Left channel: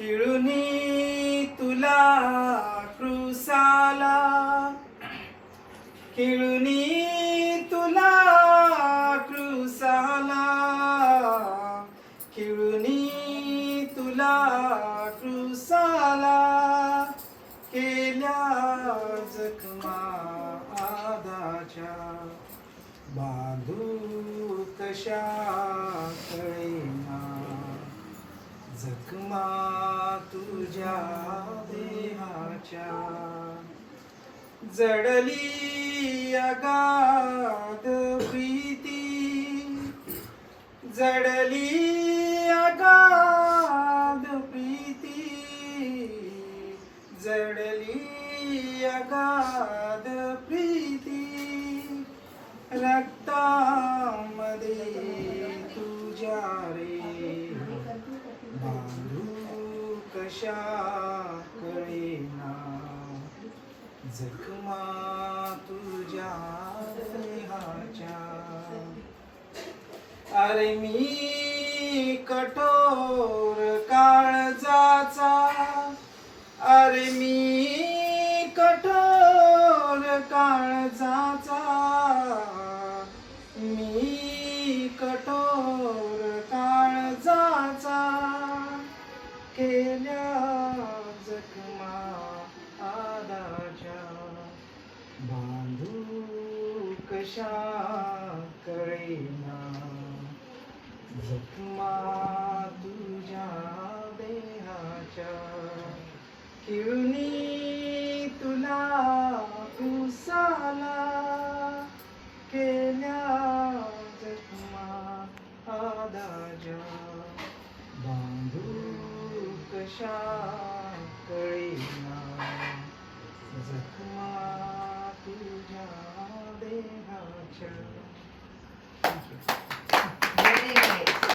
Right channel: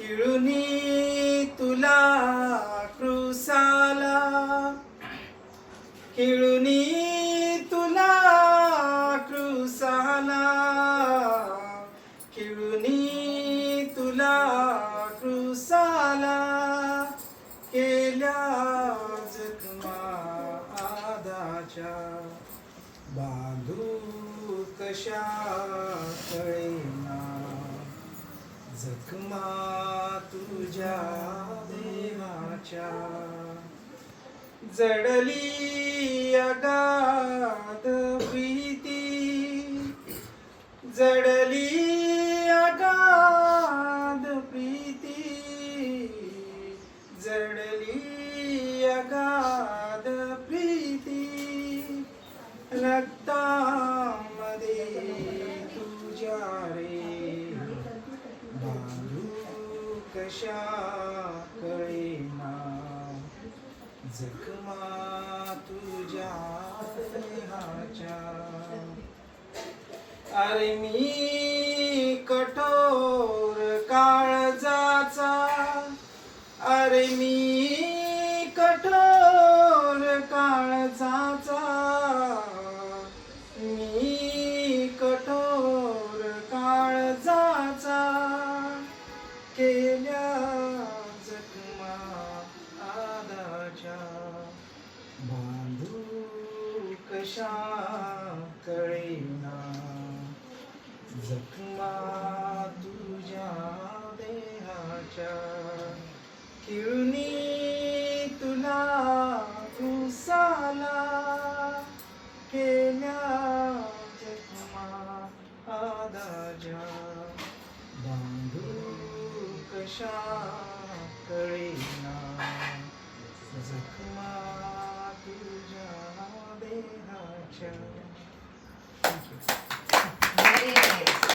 खिळुनी तुला क्रुसाला, खिळुनी तुला क्रुसाला, खिळुनी तुला क्रुसाला, केल्या जखमा आदाच्या, बांधू कशा कळेना जखमा तुझ्या देहाच्या. जडली अगाध प्रीती, जडली अगाध प्रीती, जडली अगाध प्रीती, रक्तामध्ये तुझ्या रे, बांधू कशा कळेना जखमा तुझ्या देहाच्या. अरे मी कठोर काळजाचा, अरे मी कठोर काळजाचा, मी कठोर काळजाचा, केल्या जखमा आदाच्या, बांधू कशा कळेना जखमा तुझ्या देहाच्या. खिळुनी तुला क्रुसाला, केल्या जखमा आदाच्या, बांधू कशा कळेना.